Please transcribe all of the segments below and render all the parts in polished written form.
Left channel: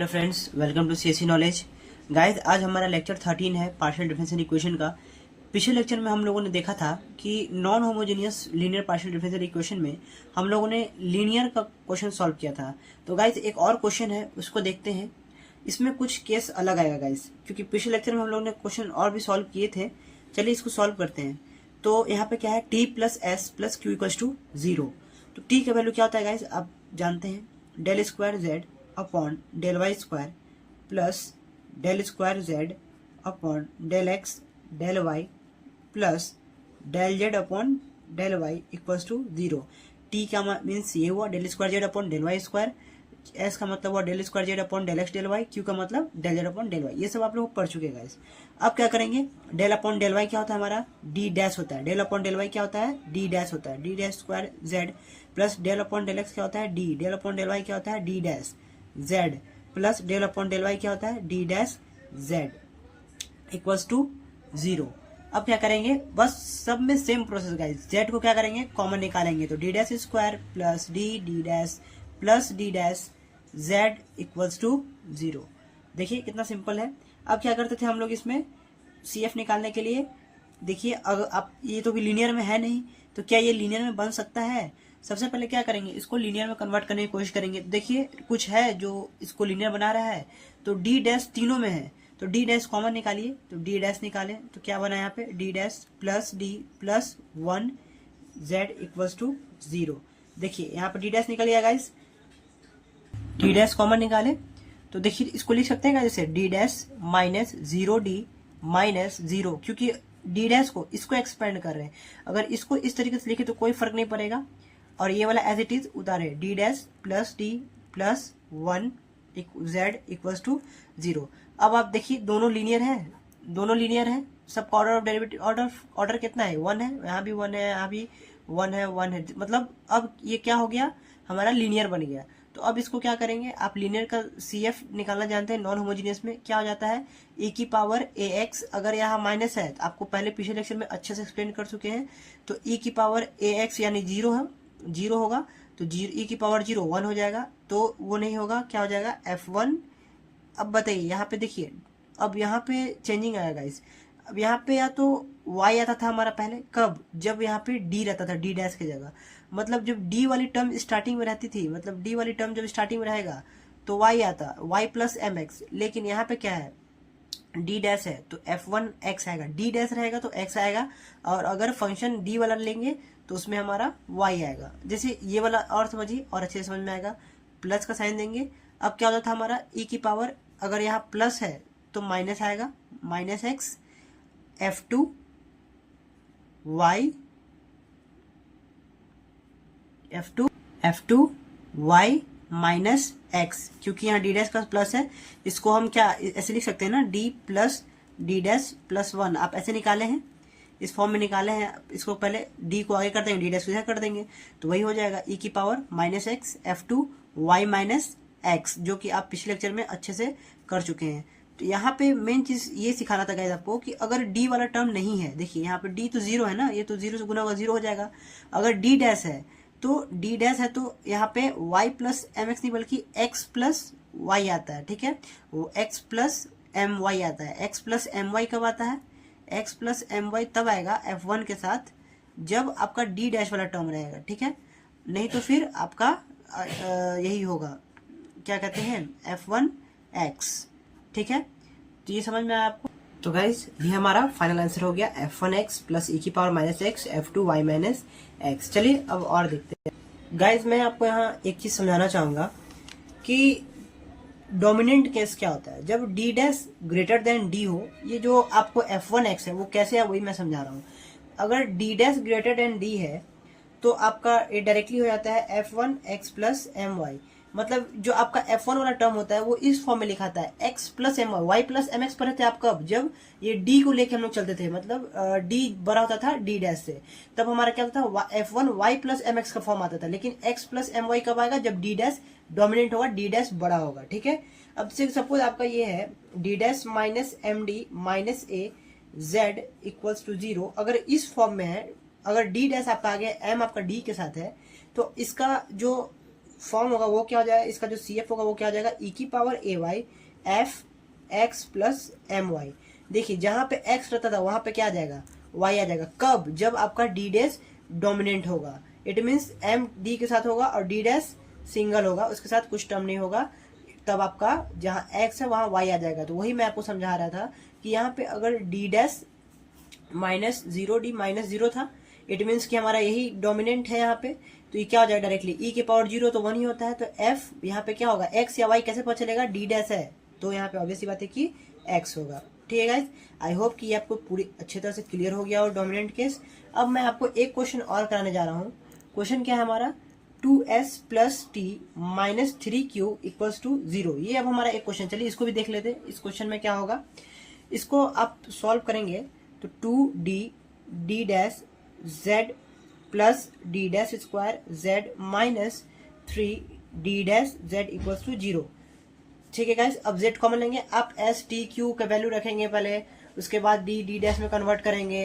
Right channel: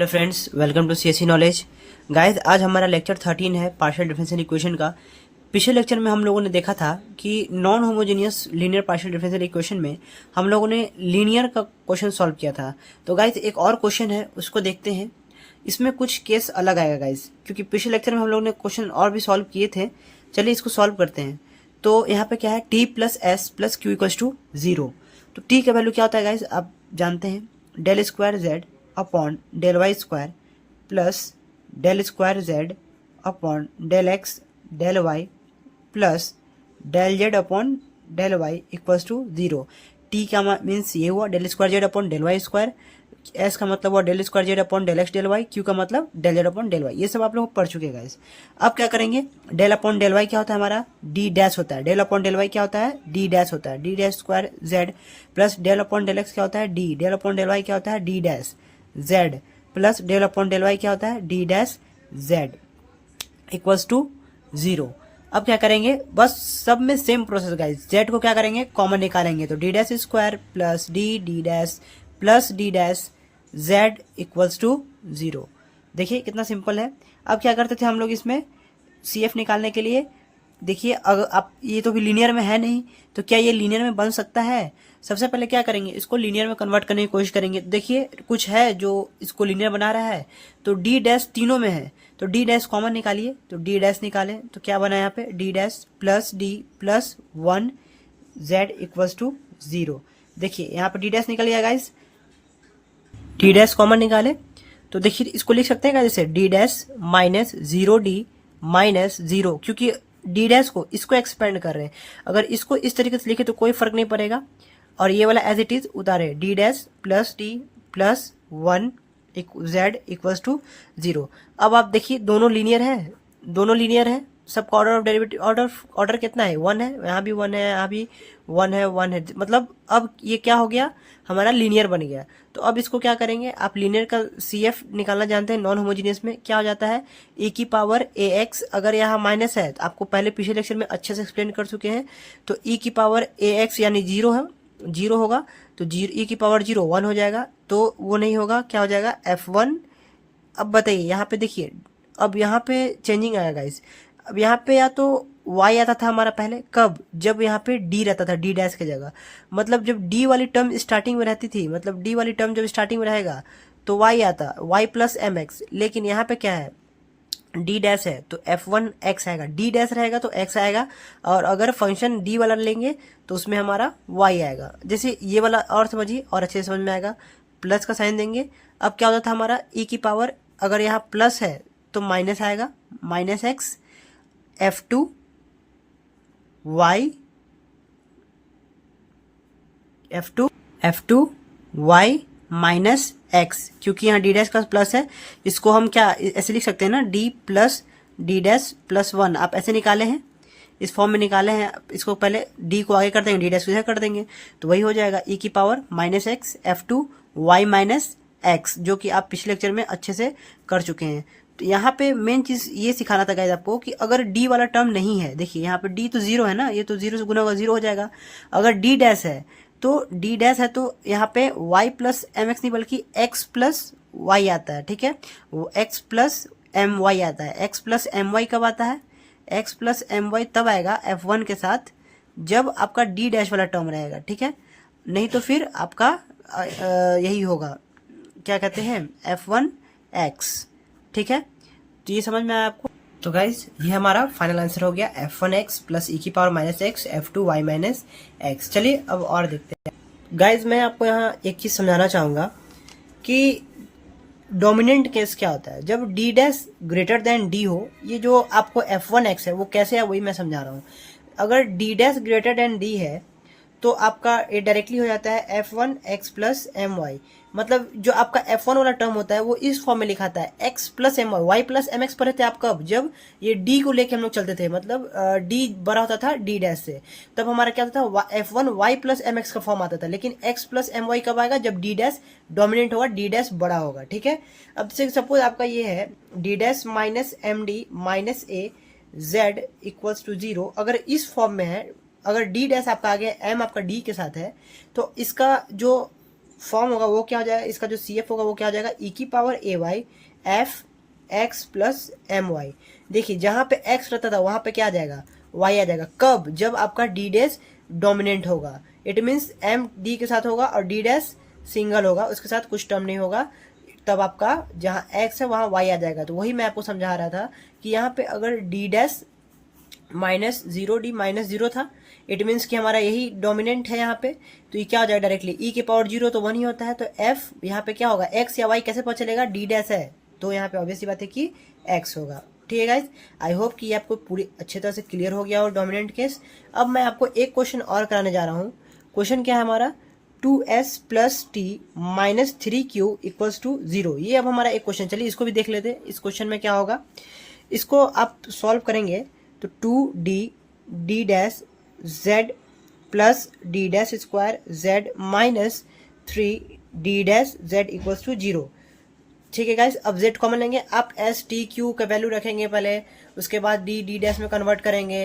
Hello friends, welcome to CSC knowledge. Guys, आज हमारा lecture 13 है पार्शियल डिफरेंशियल इक्वेशन का। पिछले लेक्चर में हम लोगों ने देखा था कि non homogeneous linear partial differential equation में हम लोगों ने लीनियर का क्वेश्चन सॉल्व किया था। तो गाइस, एक और क्वेश्चन है, उसको देखते हैं। इसमें कुछ केस अलग आएगा गाइस, क्योंकि पिछले लेक्चर में हम लोगों ने क्वेश्चन और भी सॉल्व किए थे। चलिए इसको सॉल्व करते हैं। तो यहाँ पे क्या है, t plus s plus q equals to 0। तो टी का वैल्यू क्या होता है गाइस, आप जानते हैं, del square z upon del y square plus del square z upon del x del y plus del z upon del y equals to 0। T का means ये हुआ del square z upon del y square, s का मतलब हुआ del square z upon del x del y, q का मतलब del z upon del y. ये सब आप लोग पढ़ चुके हैं। अब क्या करेंगे, डेल अपॉन डेल वाई क्या होता है हमारा, डी डैश होता है। डेल अपॉन डेल वाई क्या होता है, डी डैश होता है। D dash square z plus del upon del x क्या होता है, D. Del upon del y क्या होता है, D dash z plus del upon del y क्या होता है, D dash z equals to 0। अब क्या करेंगे, बस सब में सेम प्रोसेस गाइस। जेड को क्या करेंगे, कॉमन निकालेंगे। तो D dash square plus D D dash plus D dash z equals to 0। देखिए कितना सिंपल है। अब क्या करते थे हम लोग इसमें सी एफ निकालने के लिए, देखिए अगर आप, ये तो भी लीनियर में है नहीं, तो क्या ये लीनियर में बन सकता है। सबसे पहले क्या करेंगे, इसको लीनियर में कन्वर्ट करने की कोशिश करेंगे। देखिए कुछ है जो इसको लीनियर बना रहा है, तो डी डैश तीनों में है, तो डी डैश कॉमन निकालिए। तो डी डैश निकाले तो क्या बना यहाँ पे, D dash plus D plus 1 z equals to 0। देखिए यहाँ पे डी डैश निकल गया गाइस, डी डैश कॉमन निकाले तो देखिए इसको लिख सकते हैं जैसे D dash minus 0d minus 0, क्योंकि डी डैश को इसको एक्सपेंड कर रहे हैं। अगर इसको इस तरीके से लिखे तो कोई फर्क नहीं पड़ेगा, और ये वाला एज इट इज उतारे, d dash plus D plus 1 z equals to 0। अब आप देखिए दोनों लीनियर है, दोनों लीनियर है, सबका ऑर्डर ऑफ डेरिवेटिव ऑर्डर कितना है, 1 है, यहाँ भी 1 है, यहाँ भी 1 है, 1 है, मतलब अब ये क्या हो गया, हमारा लीनियर बन गया। तो अब इसको क्या करेंगे, आप लीनियर का सी एफ निकालना जानते हैं। नॉन होमोजीनियस में क्या हो जाता है, ए की पावर ए एक्स, अगर यहाँ माइनस है तो आपको पहले पिछले लेक्चर में अच्छे से एक्सप्लेन कर चुके हैं। तो ई की पावर ए एक्स यानी 0 है, 0 होगा, तो ई की पावर 0 1 हो जाएगा, तो वो नहीं होगा, क्या हो जाएगा F1। अब बताइए यहाँ पे देखिए, अब यहाँ पे चेंजिंग आएगा गाइस। अब यहाँ पे या तो y आता था हमारा पहले, कब, जब यहाँ पे d रहता था, d डैश की जगह, मतलब जब d वाली टर्म स्टार्टिंग में रहती थी, मतलब d वाली टर्म जब स्टार्टिंग में रहेगा तो y आता, y प्लस एम एक्स। लेकिन यहाँ पे क्या है, d डैश है तो F1 x आएगा, d डैश रहेगा तो x आएगा, और अगर फंक्शन d वाला लेंगे तो उसमें हमारा y आएगा। जैसे ये वाला और समझिए और अच्छे से समझ में आएगा, प्लस का साइन देंगे। अब क्या होता था हमारा, e की पावर, अगर यहाँ प्लस है तो माइनस आएगा, minus x F2 y F2 y minus x, क्योंकि यहाँ डी डैश का प्लस है, इसको हम क्या ऐसे लिख सकते हैं ना, D plus D dash plus 1। आप ऐसे निकाले हैं, इस फॉर्म में निकाले हैं। इसको पहले डी को आगे कर देंगे, डी डैश को इधर कर देंगे, तो वही हो जाएगा e की power minus x F2 y minus x, जो कि आप पिछले लेक्चर में अच्छे से कर चुके हैं। तो यहाँ पे मेन चीज ये सिखाना था गाइस आपको कि अगर d वाला टर्म नहीं है, देखिए यहाँ पे d तो 0 है ना, ये तो 0 से गुना होगा 0 हो जाएगा। अगर d डैश है तो d डैश है तो यहाँ पे y प्लस एम एक्स नहीं बल्कि x प्लस वाई आता है, ठीक है, वो x प्लस एम वाई आता है। x प्लस एम वाई कब आता है, x प्लस एम वाई तब आएगा F1 के साथ जब आपका d डैश वाला टर्म रहेगा, ठीक है, नहीं तो फिर आपका यही होगा, क्या कहते हैं, F1 x, ठीक है। तो ये समझ में आया आपको। तो गाइज ये हमारा फाइनल आंसर हो गया, F1x प्लस e की power minus x F2 y minus x. चलिए अब और देखते हैं गाइज। मैं आपको यहाँ एक चीज समझाना चाहूंगा कि डोमिनेंट केस क्या होता है, जब d dash greater than d हो। ये जो आपको F1x है वो कैसे है वही मैं समझा रहा हूँ। अगर d dash greater than d है तो आपका ये डायरेक्टली हो जाता है F1x प्लस एम वाई, मतलब जो आपका F1 वाला टर्म होता है वो इस फॉर्म में लिखाता है x plus m y, y plus m x पढ़े थे आप कब, जब ये d को लेके हम लोग चलते थे, मतलब d बड़ा होता था d डैश से, तब हमारा क्या होता था, F1 y plus m x का फॉर्म आता था। लेकिन x प्लस एम वाई कब आएगा, जब d डैश डोमिनेंट होगा, d डैश बड़ा होगा, ठीक है। अब सपोज आपका ये है d dash minus m d minus a z equals to 0, अगर इस फॉर्म में है, अगर d डैश आपका आगे m आपका d के साथ है, तो इसका जो फॉर्म होगा वो क्या हो जाएगा, इसका जो CF होगा वो क्या हो जाएगा, e की power ay f x plus m y. देखिए जहां पे x रहता था वहां पे क्या आ जाएगा, y आ जाएगा। कब, जब आपका d डैश डोमिनेंट होगा, इट मीन्स m d के साथ होगा और d डैश सिंगल होगा, उसके साथ कुछ टर्म नहीं होगा, तब आपका जहां x है वहां y आ जाएगा। तो वही मैं आपको समझा रहा था कि यहाँ पे अगर d dash minus zero, D minus zero था, इट मीन्स कि हमारा यही डोमिनेंट है यहाँ पे, तो ये क्या हो जाएगा डायरेक्टली, ई की पावर जीरो तो वन ही होता है, तो एफ यहाँ पे क्या होगा, एक्स या वाई कैसे पता चलेगा, डी डैश है, तो यहाँ पे ऑब्वियसली बात है कि एक्स होगा। ठीक है गाइज, आई होप कि ये आपको पूरी अच्छी तरह से क्लियर हो गया और डोमिनेंट केस। अब मैं आपको एक क्वेश्चन और कराने जा रहा हूँ। क्वेश्चन क्या है हमारा, 2s plus t minus 3q equals to 0। ये अब हमारा एक क्वेश्चन, चलिए इसको भी देख लेते हैं। इस क्वेश्चन में क्या होगा, इसको आप सॉल्व करेंगे तो 2d dash z plus D dash square z minus 3d dash z equals to 0। ठीक है गाइस, अब z कॉमन लेंगे, आप s t q का वैल्यू रखेंगे पहले, उसके बाद d डैश में कन्वर्ट करेंगे।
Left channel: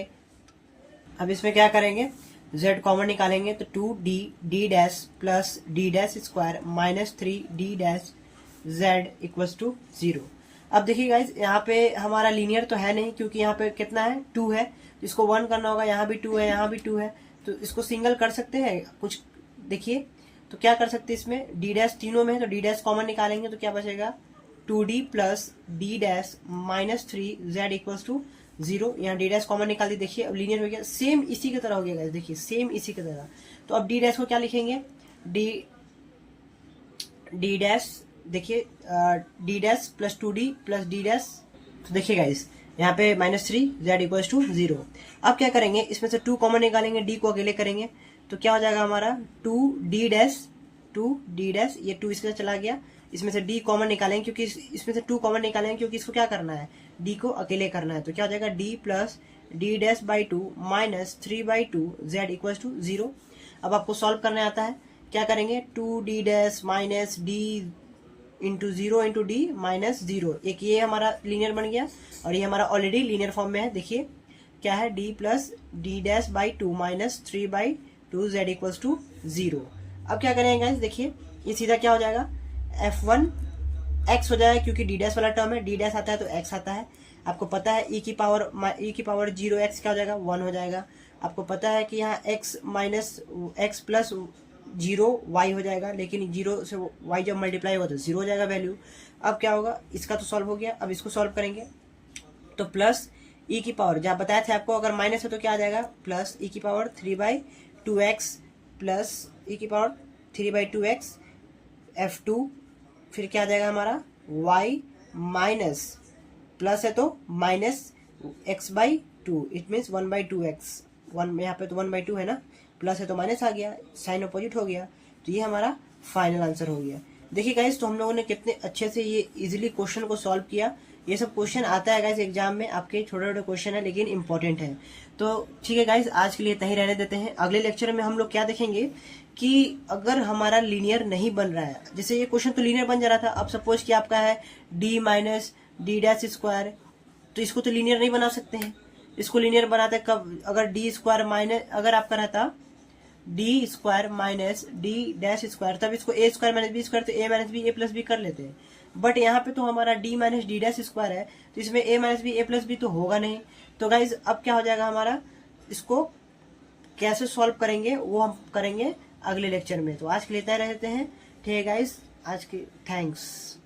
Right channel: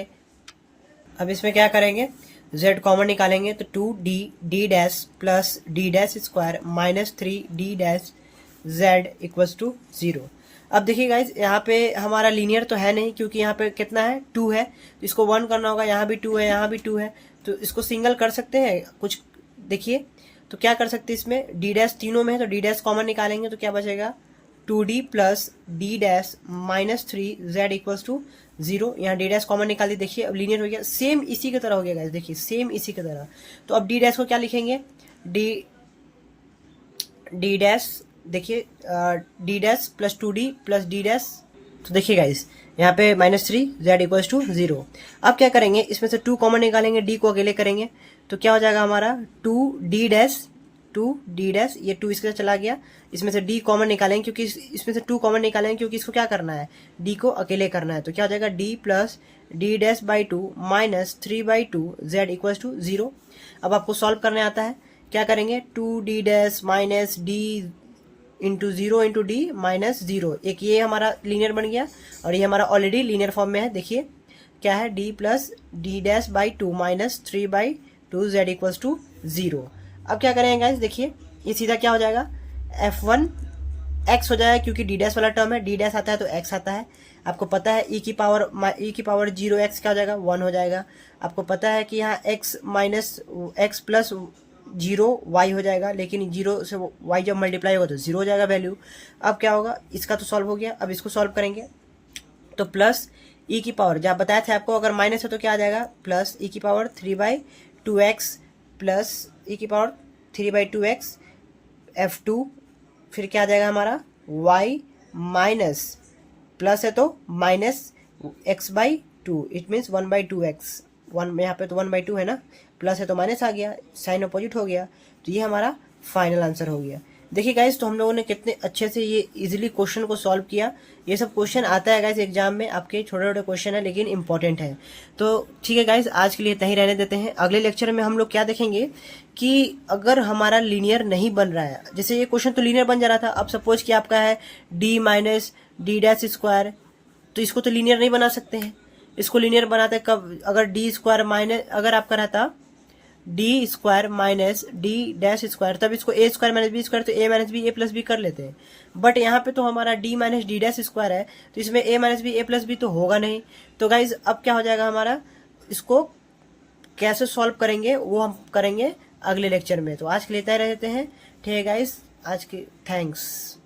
अब इसमें क्या करेंगे, z कॉमन निकालेंगे तो 2d dash plus d dash square minus 3d dash z equals to 0। अब देखिए गाइज, यहाँ पे हमारा लीनियर तो है नहीं, क्योंकि यहाँ पे कितना है, 2 है, तो इसको 1 करना होगा, यहाँ भी 2 है, यहाँ भी 2 है, तो इसको सिंगल कर सकते हैं कुछ। देखिए तो क्या कर सकते हैं, इसमें डी डैश तीनों में है तो डी डैश कॉमन निकालेंगे तो क्या बचेगा, 2d plus D dash minus 3z equals to 0। यहाँ डी डैश कॉमन निकाल दी, देखिए अब लीनियर हो गया, सेम इसी की तरह हो गया गाइज, देखिए सेम इसी की तरह। तो अब डी डैश को क्या लिखेंगे, डी डैश, देखिए D dash plus 2d plus D dash, तो देखिए गाइस यहाँ पे माइनस 3z इक्वल्स टू 0। अब क्या करेंगे, इसमें से 2 कॉमन निकालेंगे, d को अकेले करेंगे तो क्या हो जाएगा हमारा 2d डैश, ये 2 इसके साथ चला गया, इसमें से d कॉमन निकालेंगे, क्योंकि इसमें से 2 कॉमन निकालेंगे क्योंकि इसको क्या करना है, d को अकेले करना है, तो क्या हो जाएगा d plus D dash by 2 minus 3/2 z equals to 0। अब आपको सॉल्व करने आता है, क्या करेंगे, 2d dash minus d into 0 into D minus 0, एक ये हमारा लीनियर बन गया और ये हमारा ऑलरेडी लीनियर फॉर्म में है। देखिए क्या है, d plus D dash by 2 minus 3/2 z equals to 0। अब क्या करेंगे गाइस, देखिए ये सीधा क्या हो जाएगा, f1 x हो जाएगा, क्योंकि डी डैश वाला टर्म है, डी डैश आता है तो x आता है। आपको पता है e की पावर 0x क्या हो जाएगा, 1 हो जाएगा। आपको पता है कि यहाँ x minus x plus 0 y हो जाएगा, लेकिन 0 से y जब मल्टीप्लाई होगा तो 0 हो जाएगा वैल्यू। अब क्या होगा, इसका तो सॉल्व हो गया, अब इसको सॉल्व करेंगे तो प्लस e की पावर, जब बताया था आपको अगर माइनस है तो क्या आ जाएगा, प्लस e की पावर 3/2x प्लस e की पावर 3/2x f2, फिर क्या आ जाएगा हमारा y माइनस, प्लस है तो minus x/2, it means 1/2x, 1 यहाँ पे तो 1/2 है ना, प्लस है तो माइनस आ गया, साइन अपोजिट हो गया, तो ये हमारा फाइनल आंसर हो गया। देखिए गाइस, तो हम लोगों ने कितने अच्छे से ये इजीली क्वेश्चन को सॉल्व किया। ये सब क्वेश्चन आता है गाइस एग्जाम में, आपके छोटे छोटे क्वेश्चन है लेकिन इंपॉर्टेंट है। तो ठीक है गाइस, आज के लिए इतना ही रहने देते हैं। अगले लेक्चर में हम लोग क्या देखेंगे कि अगर हमारा लीनियर नहीं बन रहा है, जैसे ये क्वेश्चन तो लीनियर बन जा रहा था, अब सपोज कि आपका है d minus D dash square, तो इसको तो लीनियर नहीं बना सकते हैं। इसको लीनियर बनाते कब, अगर डी स्क्वायर माइनस, अगर आपका रहता D square minus D dash square, तब इसको ए स्क्वायर माइनस बी स्क्वायर, तो ए माइनस बी ए प्लस बी कर लेते हैं। बट यहाँ पे तो हमारा D minus D dash square है, तो इसमें ए माइनस बी ए प्लस बी तो होगा नहीं। तो गाइज अब क्या हो जाएगा हमारा, इसको कैसे सॉल्व करेंगे वो हम करेंगे अगले लेक्चर में। तो आज के लिए तय रहते हैं। ठीक है गाइज, आज के थैंक्स।